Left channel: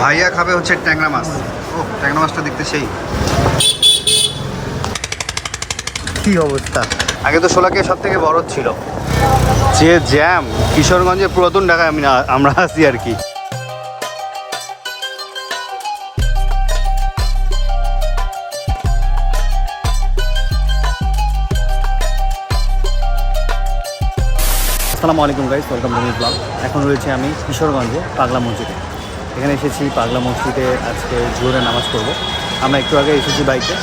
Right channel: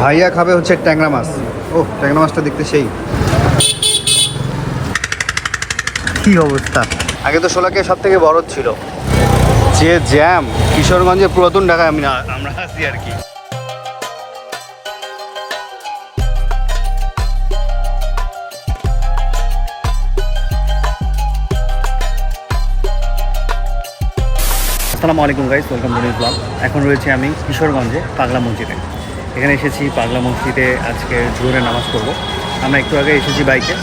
ভাইয়া খাবে হচ্ছে ট্যাংরা মাছ। ও ট্যাংরা মাছটা দেখতে সেই। কি অবস্থা? আগে তো সোলাকে সব থেকে বড় ছিল। যে জ্যাম, কিশোরগঞ্জের পুরাতন ঢাকায় আমি আমরা আসি আর কি। আসসালামু আলাইকুম গাইস ওয়েলকাম টু ব্লগ এখন রয়েছে আমি কিশোরগঞ্জে পাগলা মসজিদে। এখানে এসেছি পাগলা মসজিদে আজকে জোরে নামাজ পড়ব। আমরা একটু আগে এসেছি বাইকে।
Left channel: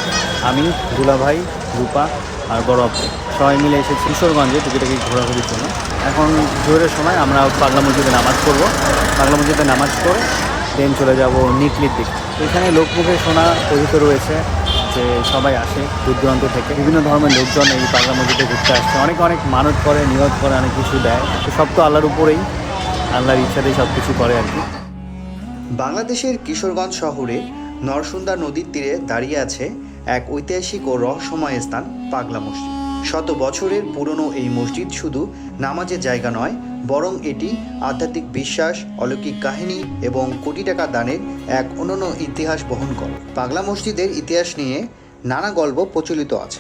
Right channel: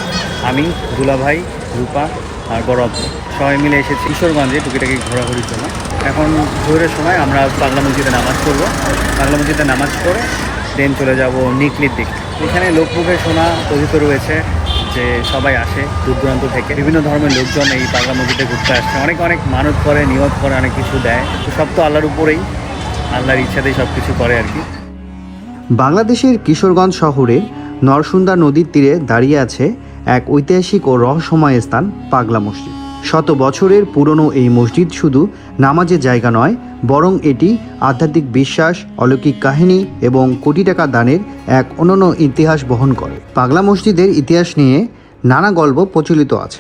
আমি, দুলাভাই, রূপা আর গরব সবাই মিলে এসেছি কিশোরগঞ্জে টুকিটাকি ঘোরাঘুরির জন্য। এখন জোরের সময় আমরা পাগলা মসজিদে নামাজ পড়ব। পাগলা মসজিদে নামাজ পড়ে দেন চলে যাব নিকলির দিক। এখানে লোকমুখে শোনা কথিত রয়েছে। যে সবাই আসে দূর দূরান্ত থেকে। বিভিন্ন ধর্মের লোকজন এই পাগলা মসজিদে ঘুরতে আসছে। অনেক অনেক মানত করে, নিয়ত করে, অনেক কিছু দেয়। তো সব তো আল্লাহর উপরেই। আল্লাহর ইচ্ছাতেই সব কিছু করে আর কি। বাংলাদেশের কিশোরগঞ্জ শহরে নরসুন্দা নদীর তীরে দাঁড়িয়ে আছে এক ঐতিহাসিক ও রহস্যময় স্থান পাগলা মসজিদ। শত বছরের পুরনো এই মসজিদ শুধু নামাজের জায়গা নয় বরং এটি আধ্যাত্মিক বিশ্বাস, অলৌকিক কাহিনী এবং কোটি টাকা দানের এক অনন্য ইতিহাস বহন করে। পাগলা মসজিদের ইতিহাস নিয়ে নানা গল্প প্রচলিত আছে।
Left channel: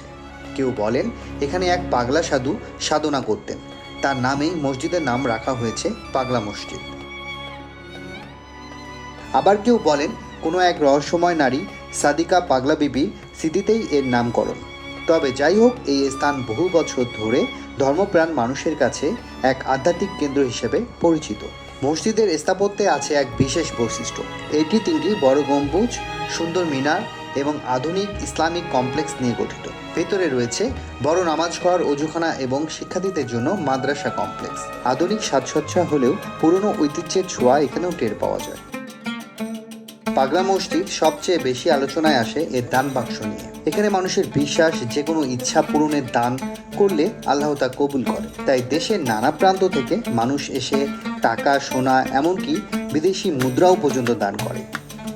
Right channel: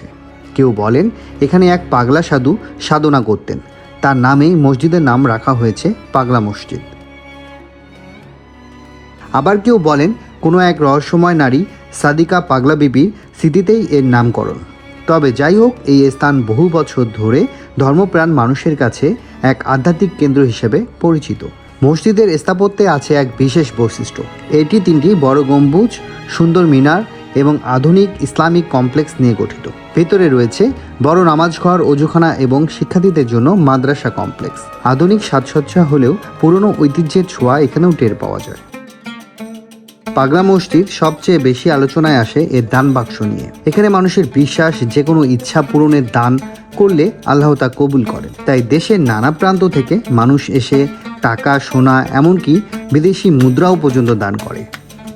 কেউ বলেন, এখানে এক পাগলা সাধু সাধনা করতেন। তার নামে মসজিদের নাম রাখা হয়েছে পাগলা মসজিদ। আবার কেউ বলেন, কোনো এক রহস্যময় নারী সাদিকা পাগলা বিবি স্মৃতিতেই এর নামকরণ। তবে যাই হোক, এই স্থান বহু বছর ধরে ধর্মপ্রাণ মানুষের কাছে এক আধ্যাত্মিক কেন্দ্র হিসেবে পরিচিত। মসজিদের স্থাপত্যে আছে এক বিশেষ বৈশিষ্ট্য। এটি তিনটি বড় গম্বুজ, সুন্দর মিনার এবং আধুনিক ইসলামিক কমপ্লেক্স নিয়ে গঠিত। ভেতরে রয়েছে বড় নামাজঘর, অজুখানা এবং শিক্ষার্থীদের জন্য মাদ্রাসা কমপ্লেক্স। আধুনিক সাজসজ্জা হলেও পুরনো ঐতিহ্যের ছোঁয়া এখানেও টের পাওয়া যায়। পাগলা মসজিদ সবচেয়ে বেশি আলোচনায় আসে এর দান বাক্স নিয়ে। এখানে মানুষের বিশ্বাস যে কোনো ইচ্ছা পূরণের দান করলে আল্লাহ তা কবুল করে। তাই দেশের নানা প্রান্ত থেকে মানুষ এসে টাকা, সোনা, এমনকি বিদেশি মুদ্রাও পর্যন্ত দান করে।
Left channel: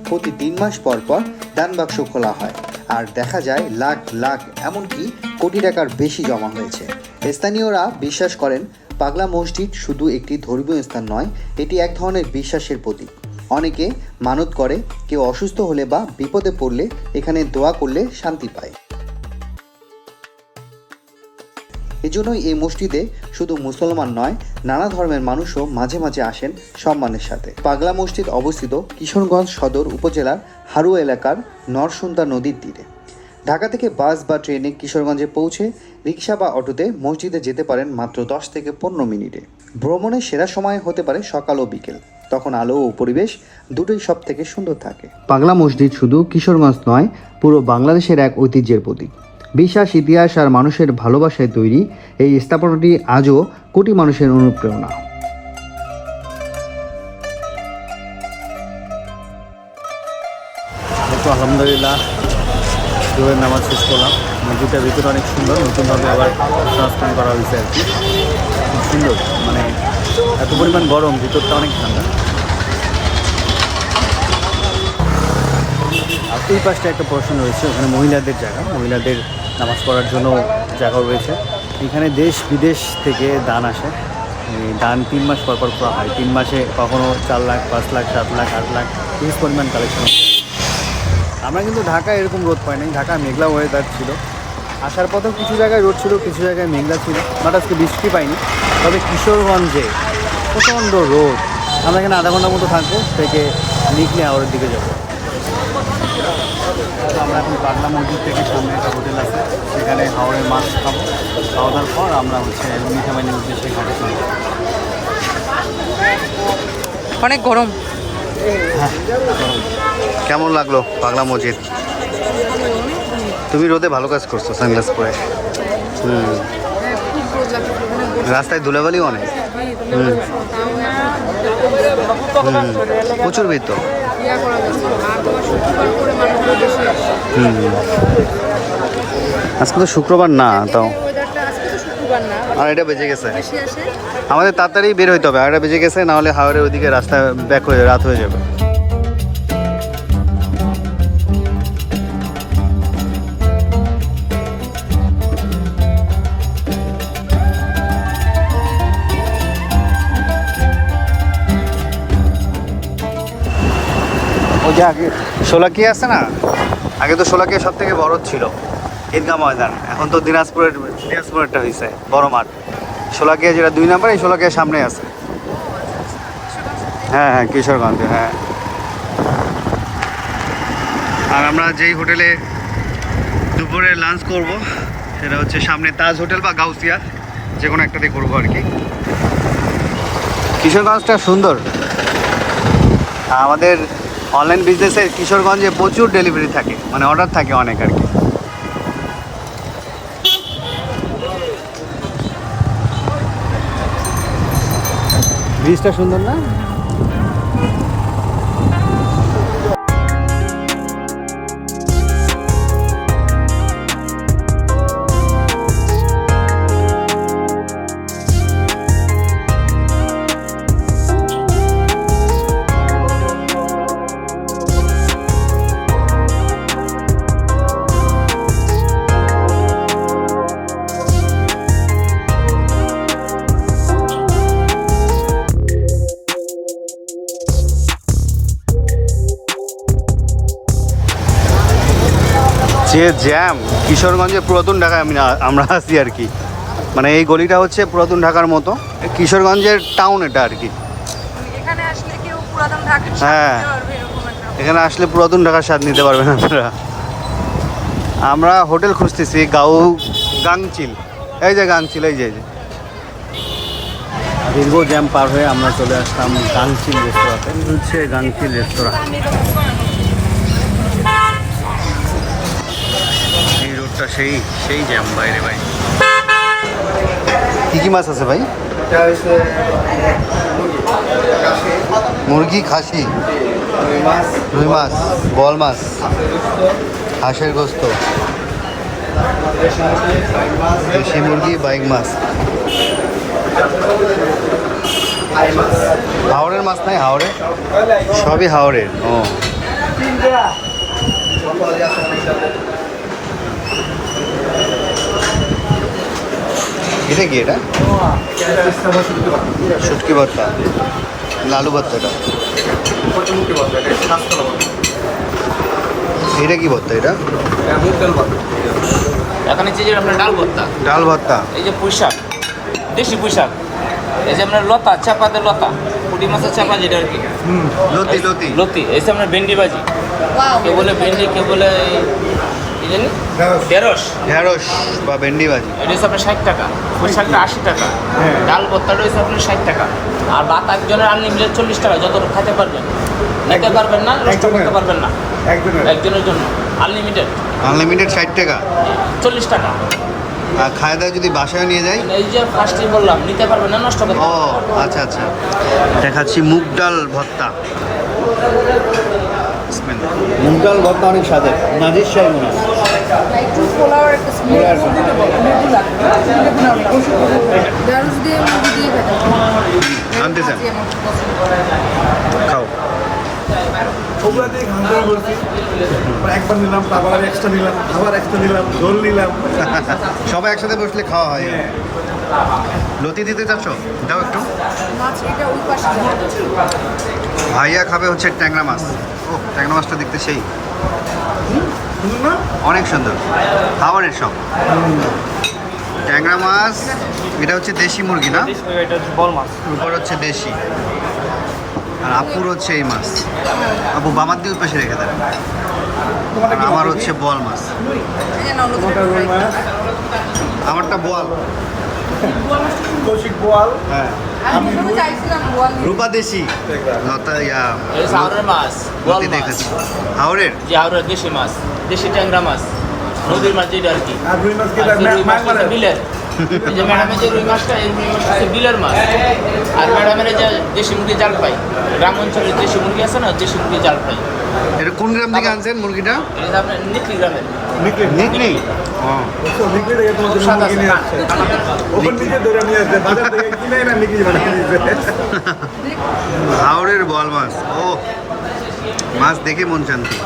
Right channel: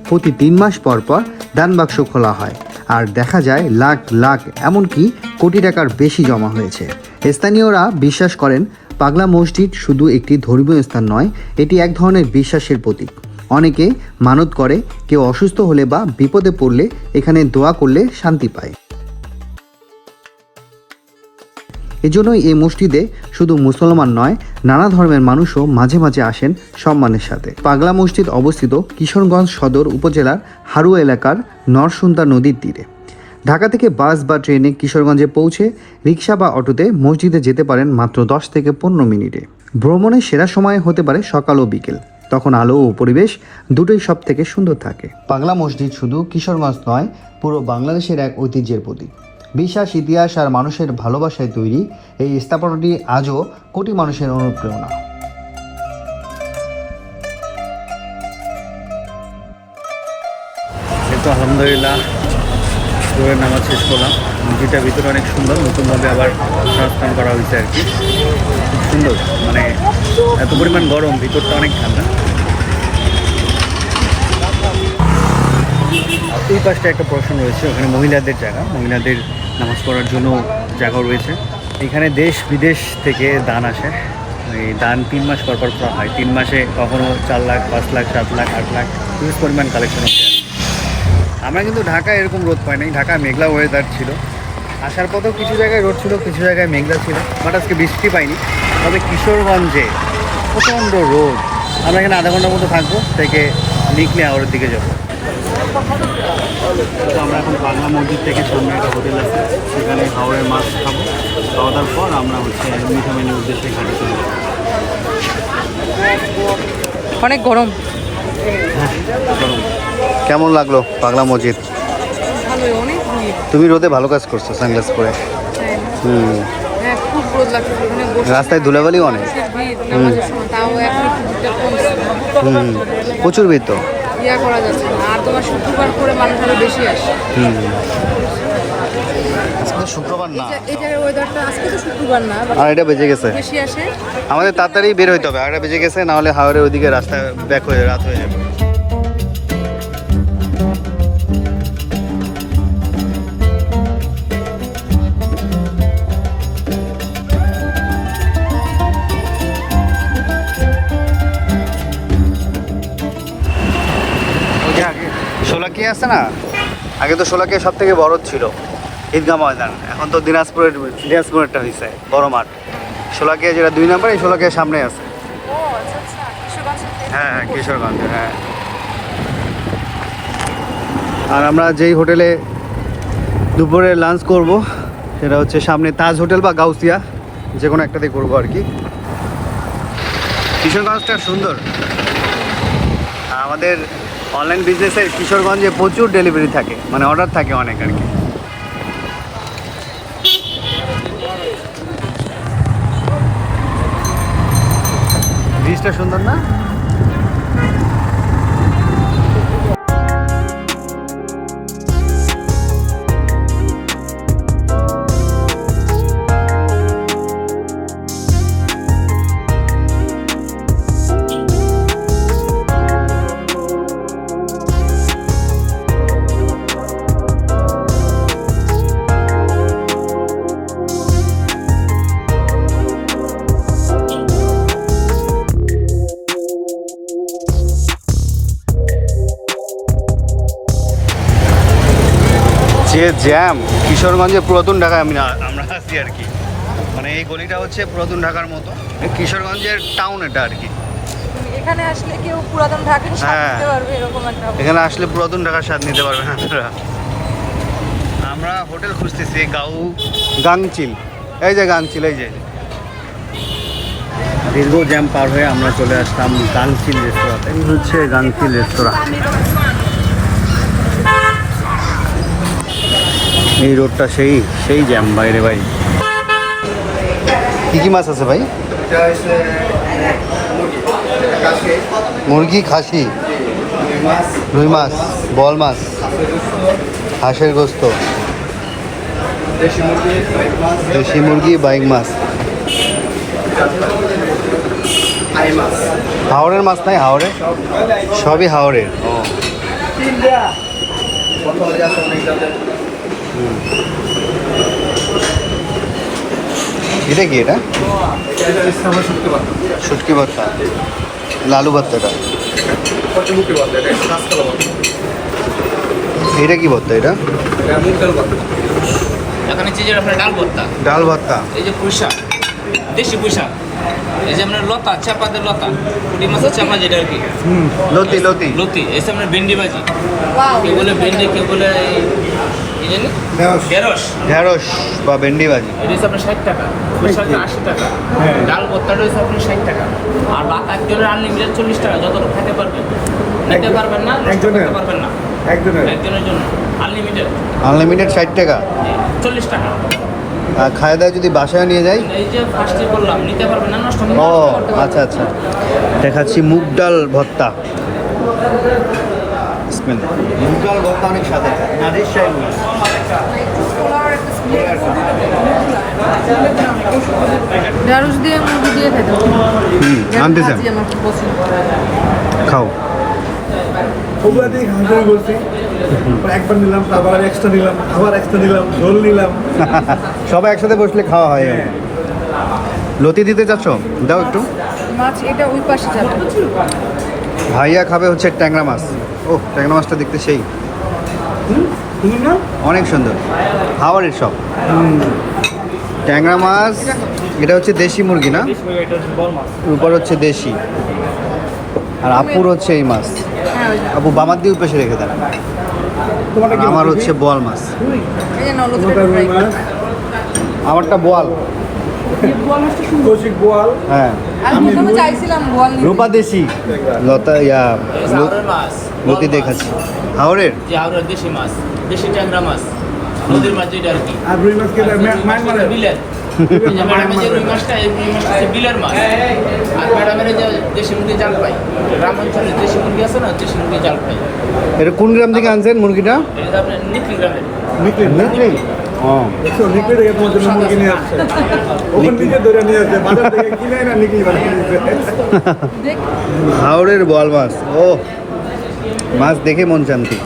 প্রতি তিন মাস পর পর দান বাক্স খোলা হয়। আর দেখা যায়, লাখ লাখ, এমনকি কোটি টাকার বেশি জমা হয়েছে। স্থানীয়রা বিশ্বাস করেন, পাগলা মসজিদ শুধু একটি ধর্মীয় স্থান নয়, এটি এক ধরনের বিশ্বাসের প্রতীক। অনেকে মানত করে, কেউ অসুস্থ হলে বা বিপদে পড়লে এখানে দোয়া করলে শান্তি পায়। এজন্যই এই মসজিদে শুধু মুসলমান নয়, নানা ধর্মের মানুষও মাঝে মাঝে আসেন সম্মানের সাথে। পাগলা মসজিদ অবস্থিত কিশোরগঞ্জ সদর উপজেলার হারুয়া এলাকার নরসুন্দা নদীর তীরে। ঢাকা থেকে বাস বা ট্রেনে কিশোরগঞ্জে পৌঁছে রিক্সা বা অটোতে মসজিদে যেতে পারেন মাত্র দশ থেকে পনেরো মিনিটে। ভ্রমণের সেরা সময় হতে পারে সকাল ও বিকেল। তখন আলো ও পরিবেশ দুটোই সব থেকে সুন্দর থাকে। পাগলা মসজিদ শুধু কিশোরগঞ্জ নয়, পুরো বাংলাদেশের এক ঐতিহ্যের প্রতীক। বিশ্বাস, ইতিহাস আর মানুষের ভালোবাসায় তৈরি এই স্থাপনাটি আজও কোটি মানুষের অনুপ্রেরণা। আলহামদুলিল্লাহ জোরের নামাজ শেষ করলাম। মসজিদটার ভিতরে অনেক সুন্দর, নতুনভাবে আবার সংস্থান করা হয়েছে আর কি। খুব সুন্দর মানে এত পরিমাণ গরম, ভিতরটা অনেক ঠান্ডা। ওই পাশটা একটা পোর্শন রয়েছে, ওখানে মহিলাদের জায়গা। মহিলাদের নামাজ পড়ার জন্য জায়গাও রয়েছে। এখানে দেশ বিদেশ থেকে দান আসে। এই দান তিন মাস পর পর করা হয়। তিন মাসে কখনো চার লাখ, পাঁচ লাখ, সাত লাখ, আট লাখ হিউজ পরিমাণ কালেকশন হচ্ছে। আমরা কিন্তু ঢাকায় এরকম রোদ পাই নাই ঢাকা মেঘলা ওয়েদার ছিল। আসার পথেও কিছু জায়গায় রোদ ছিল, কিছু জায়গায় মেঘলা ছিল। বাট আজকে বৃষ্টি পাইনি। তবে কিশোরগঞ্জে প্রচণ্ড রোদ। আমরা এখানে আধা ঘণ্টার মতো থাকব থেকে নিকলে হাওড়ের দিকে যাব। তো আমরা এখন বাংলা মসজিদ থেকে সামনে একটা হোটেল আছে সেখানে হাওড়ের মাছ খাব। খাওয়া দাওয়ার পর আমরা হচ্ছে মিঠামাইনের উদ্দেশ্যে ঘাটে চলে যাব। অনেক গরম। হ্যাঁ চলুন। কেমন লাগল পাগলা মসজিদ? ভালোই অনেক ভিড়। তুমি রোদে ভালো কাজ করছ সানগ্লাস পরে। হ্যাঁ, হুম। হ্যাঁ রাস্তায় ধুলাবালিও অনেক। প্রচুর ভিড় তো। ইয়া করা যাচ্ছে আর তোমার শুক্রবার করে মানুষ আরও বেশি আসে। আজকে তো শুক্রবার না তাও। আর এটা বেজে গেছে। আমাদের তাড়াতাড়ি বের হইতে হবে আর এটা বেজে গেছে নাহলে হাওড়ের ওইদিকে রাস্তা ব্যাক হয়ে রাত হয়ে যাবে। সোলাকি আছে না? আগে তো সোলাকি সব থেকে বড় ছিল ঈদগাহ ময়দান। এখন তো দিনাজপুরের, দিনাজপুরেরটা হয়েছে বড় মাঠ। সোলাকিয়া যেটা দুই নাম্বার, এই সোলাকিয়া সামনে আছে। হ্যাঁ হ্যাঁ কিশোরগঞ্জে হ্যাঁ। আর আমরা যেই হোটেলে দুপুরে লাঞ্চ করব, সেটা হচ্ছে সামনে তাজ হোটেল বা গাউসিয়া যে কোনো একটাতে করব আর কি। কিশোরগঞ্জটা সুন্দর। আমাদের অনলাইন বিজনেসে কিশোরগঞ্জে প্রচুর ডেলিভারি থাকে মানে অর্ডার থাকে অনেক আর কি। ব্রিজটা সুন্দর না? যে জ্যাম কিশোরগঞ্জে পুরাতন ঢাকায় আমি আমরা আছি আর কি। মানে এই গলিটা হচ্ছে পুরাতন ঢাকার মতো। কিশোরগঞ্জের টাউন এটা আর কি। এখানে আসলে কেউ পুরাতন ঢাকার হ্যাঁ। এখানে আসলে পুরাতন ঢাকার স্বাদ নিতে পারবেন আপনারা। আমরা হোটেল খুঁজতেছি গাউ গাংচিল। এই যে গাংচিল এই যে। দীর্ঘ জ্যাম পার হয়ে আমরা চলে আসলাম গাংচিল রেস্তোরাঁতে হচ্ছে গাংচিল রেস্তোরাঁ এই রোডটা সেই সেই জ্যাম বাইরে ভাই। কি কি মাছ আছে ভাই? মুরগি খাসি? রুই মাছ। বল মাছ? হাঁসের গোস্ত। দেশি মুরগি বাইক মাছ। হাওড়ের মাছ। নাই হাওড়ে সবই হাওড়ের ও। এটা কি এটা? শুটকি ভর্তা। লালু ভর্তা এটা। কি ভর্তা এটা? এখানে হচ্ছে যে আপনার ডাল ভর্তা ডাল ভর্তা। এই যে পুঁইশাক দেশি পুঁইশাক এই যে আপনার লতা চাপাতে লতা পুঁটি মাছের চাপা যেটা আর কি। লতি লতি। লতি এই যে আপনার ভেন্ডি ভাজি। কেউ বলে ভেন্ডি কেউ বলে ঢেঁড়স। ঢেঁড়স? বা ভেন্ডি ভাজি। এটা হচ্ছে আপনার ষাট টাকা। আশি টাকা। হ্যাঁ। ডাল আপনার ষাট টাকা। আর ভাত একজনের আনলিমিটেড চল্লিশ টাকা। খেতে পারবেন। নিতে পারবেন না নষ্ট করতে পারবেন না। একজনের। জন্য। আনলিমিটেড। আনলিমিটেড ষাট টাকা। চল্লিশ টাকা। আর খাওয়া দাওয়া যদি বাসায় নিয়ে যাই এই যে ফার্স্টে বললাম নিতে পারবেন না নষ্ট করতে ও আচ্ছা আচ্ছা। দেখাচ্ছি মুগ ডাল ভর্তা। মুগ ডাল ভর্তা অনেক সাথে নাজির শাহী মনে হয় পোলাওয়ের একটা স্মেল আছে দিয়ে নিলাম এক্সট্রা নিলাম এক্সট্রা নিলাম ঝোল নিলাম সবাই একসাথে বসলে খাওয়া হয়। লতি দিতে চাচ্ছ দাও একটু। ভাইয়া খাবে হচ্ছে ট্যাংরা মাছ। ও ট্যাংরা মাছটা দেখতে সেই। অনেক সুন্দর। হাওয়ারের সব ট্যাংরা মাছ এটা হচ্ছে দেশি মুরগি না? উপর হচ্ছে দেশি। আর আপুর হচ্ছে এই মাছ। আপু বামার দিয়ে পেশে রেখে দেন। আমার হচ্ছে বোয়াল মাছ। আমারটা বোয়াল। বোয়াল। হ্যাঁ। আমি বল রূপা দেশি। লতা ইয়া লতি দেখাচ্ছি। হাওড়ের হাওড়ের দেশি মাছ। দেশি ট্যাংরা মাছ নদীর মাছ যেটা আর কি। আর রুই মাছ মানে বিলের। ম্যাডামের যে রুই মাছটা এই রুই মাছটা হচ্ছে বিলের মাছ। আর ম্যাডামের যে দেশি মুরগি জাল পাই গ্রাম অঞ্চলে দেশি মুরগি আছে না দেশি মুরগি জাল পাই এটা কোন গ্রাম থেকে আনছেন মুরগিটা? এটা হচ্ছে আপনার নিকলি গ্রামের নিকলি নিকলি ও। নিকলি থেকে তোমার মুরগি নিয়ে আসছে। ওখান থেকে ধরে নিয়ে আসছে বাজার থেকে কিনে না নিকলি বানিয়ে দিচ্ছে হাওড়ের বোয়াল মাছ। ও মাছ দেখে মন শান্তি।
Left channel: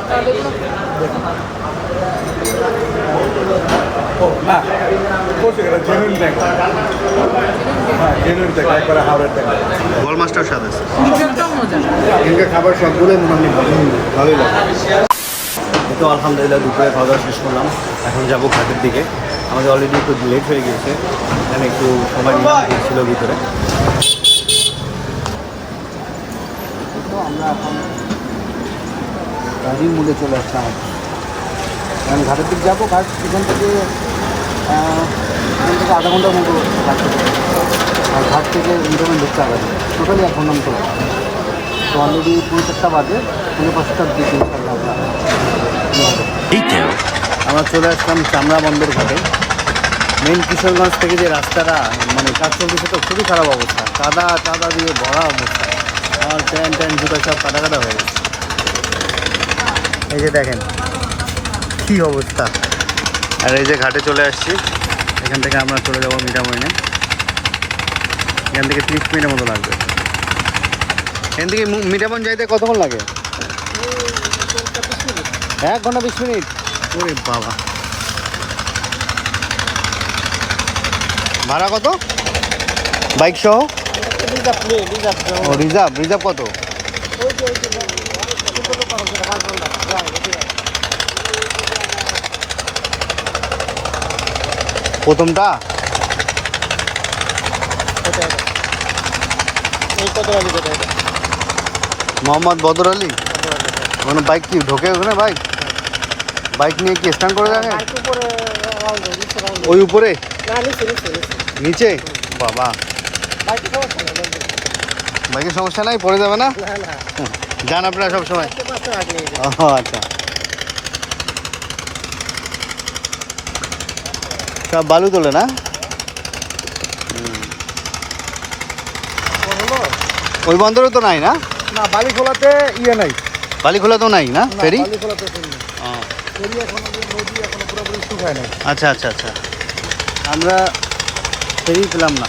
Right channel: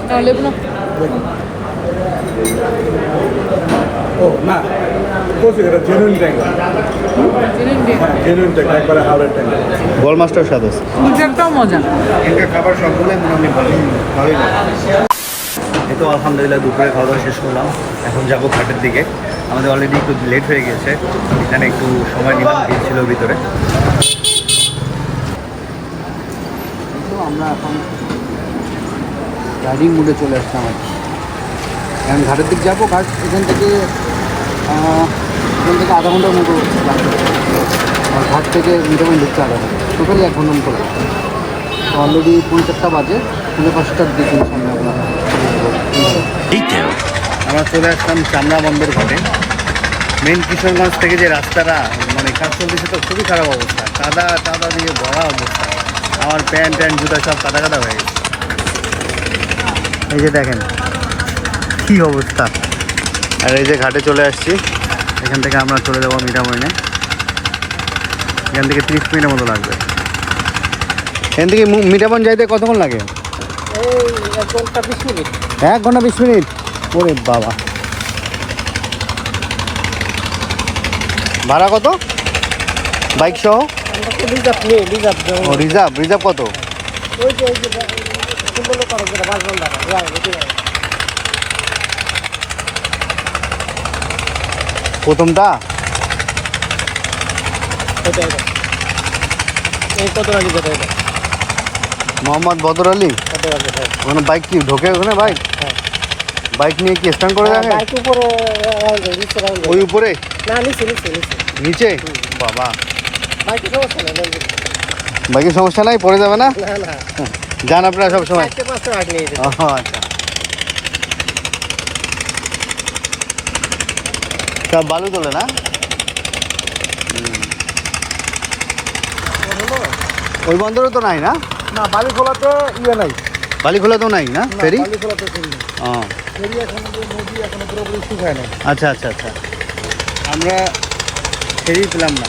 ও না বলছি এটা জেনুইন ট্যাঙ্ক জেনুইন ট্যাঙ্ক একবারে হাওড়ের ট্যাঙ্ক মাস্টার স্বাদ আছে মজা। খাবার সবগুলোই মোটামুটি ভালো ভালোই লাগে। এই তো আলহামদুলিল্লাহ দুপুরে খাওয়া দাওয়া শেষ করলাম। এখন যাব ঘাটের দিকে। আমাদের অলরেডি একটু লেট হয়ে গিয়েছে। এখানে একটু সময় নিলাম ছিল ভিতরে। তো আমরা এখন রাইডিং মুডে চলে আসলাম আর কি। এখন ঘাটের দিক যাব ঘাট এখান থেকে এখান থেকে আধা ঘণ্টার মতো লাগতে পারে আর ঘাট থেকে মিটামাইন ঢুকতে আধা ঘণ্টা টোটালি এক ঘণ্টার মতো লাগবে। তো অলরেডি পৌনে চারটা বাজে পৌনে পাঁচটার দিকে ইনশাল্লাহ আমরা আমরা চলে আসলাম চামড়া বন্দর ঘাটে। মেন কিশোরগঞ্জ থেকে যে রাস্তাটা মানে কাজ চলতেছে তো খুবই খারাপ অবস্থা। কাদা কাদা দিয়ে ভরা অবস্থা। আমার প্যান্ট ট্যান্ট জুতা সব কাদা কাদা হয়ে গেছে। এই যে দেখেন কি অবস্থা? আর এই যে ঘাটে চলে আসছি। এখান থেকে আমরা চলে যাব মিঠামইনে এখান থেকে তিরিশ মিনিটের মতো লাগবে। এখান থেকে মু- মিঠামন যাইতে কতক্ষণ লাগে? এক ঘণ্টা বিশ মিনিট। ওরে বাবা। ভাড়া কত? বাইক সহ? রিজার্ভ। রিজার্ভ কত? প্রথমটা? মোহাম্মদ বদর আলী? ওখানে বাইক কি ঢোকে ওখানে বাইক? বাইক নিয়ে কি স্ট্যান্ড করে যাবে? ওই উপরে? নিচে বাবা। বাইকের সমস্যা নাই পড়ে যাবে না? যান আপনারা সব সময়। ও আচ্ছা। সব বালু তোলে না? ওই বন্দরে তো নাই না? না বালি খোলাতে ইয়ে নাই। বালি খোলা তো নাই না? ফেরি? আচ্ছা আচ্ছা আচ্ছা। আমরা ফেরি পেলাম না।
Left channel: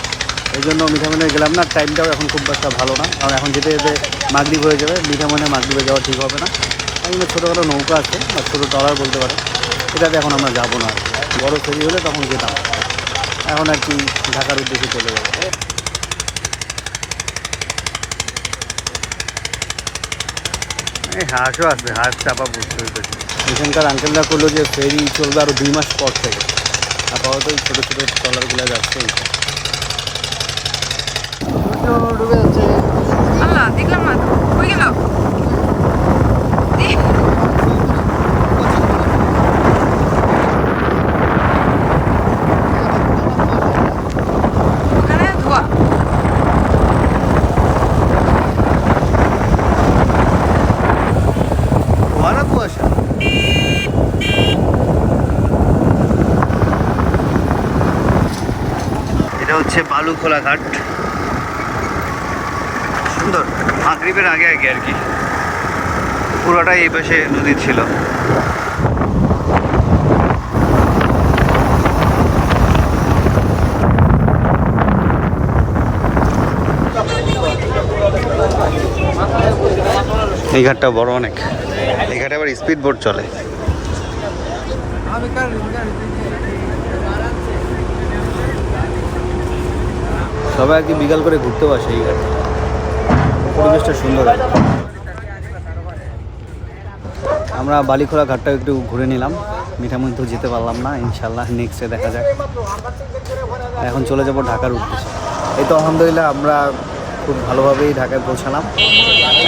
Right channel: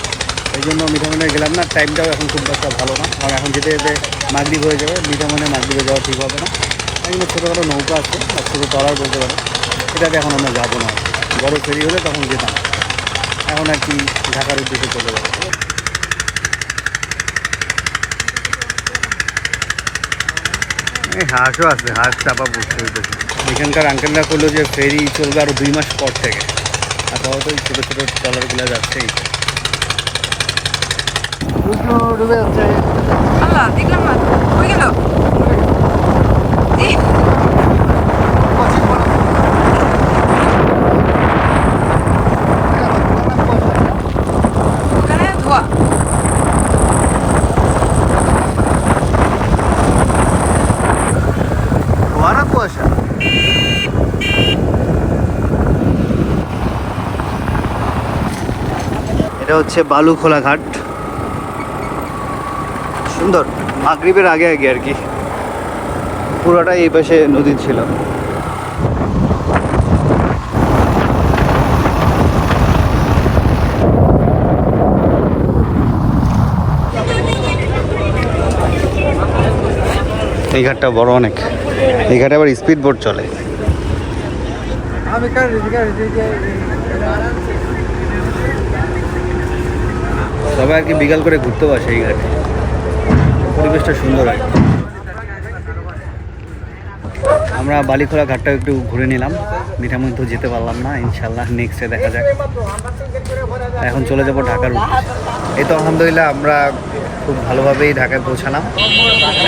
এই জন্য মিঠামনে গেলাম না। টাইমটাও এখন খুব একটা ভালো না। কারণ এখন যেতে যেতে মাগরীব হয়ে যাবে। মিঠামনে মাগরীবে যাওয়া ঠিক হবে না। তাই জন্য ছোটোখাটো নৌকা আছে বা ছোটো টলার বলতে পারে। এটাতে এখন আমরা যাব না আর কি। বড়ো ফেরি হলে তখন যেতাম। এখন আর কি ঢাকার উদ্দেশ্যে চলে যাব। এই হাঁসও আছে হাঁস চাপা বুঝতে হইতেছে। এখানকার আঙ্কেলরা করল যে ফেরি চলবে আরও দুই মাস পর থেকে। আপাতত এই ছোটো ছোটো ট্রলারগুলো যাচ্ছে এই ডুবে যাচ্ছে। আল্লাহ দেখলাম না। হয়ে গেল ইহ। ওখানে ধোয়া ভরা কুয়াশা এটা হচ্ছে বালুখোলা ঘাট। সুন্দর। মাগরীবের আগে আগে আর কি। পুরোটাই এই পাশে নদী ছিল। এই ঘাটটা বড় অনেক। এই ঘাটে আবার স্পিড বোট চলে। সবাই আর কি বিকাল করে ঘুরতে আসে এই ঘাটে পরিবেশটা সুন্দর আর। আমরা বালিখোলা ঘাটটা একটু ঘুরে নিলাম। মিঠামই তো যেতে পারলাম না ইনশাল্লাহ নেক্সটে দেখা যাক। এখন চলে যাব ঢাকার উদ্দেশ্যে। এই তো আলহামদুলিল্লাহ আমরা খুব ভালোভাবেই ঢাকায় পৌঁছালাম।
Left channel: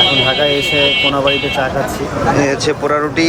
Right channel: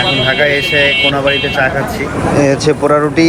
এখন ঢাকায় এসে কোনাবাড়িতে চা খাচ্ছি। হচ্ছে পোড়া রুটি।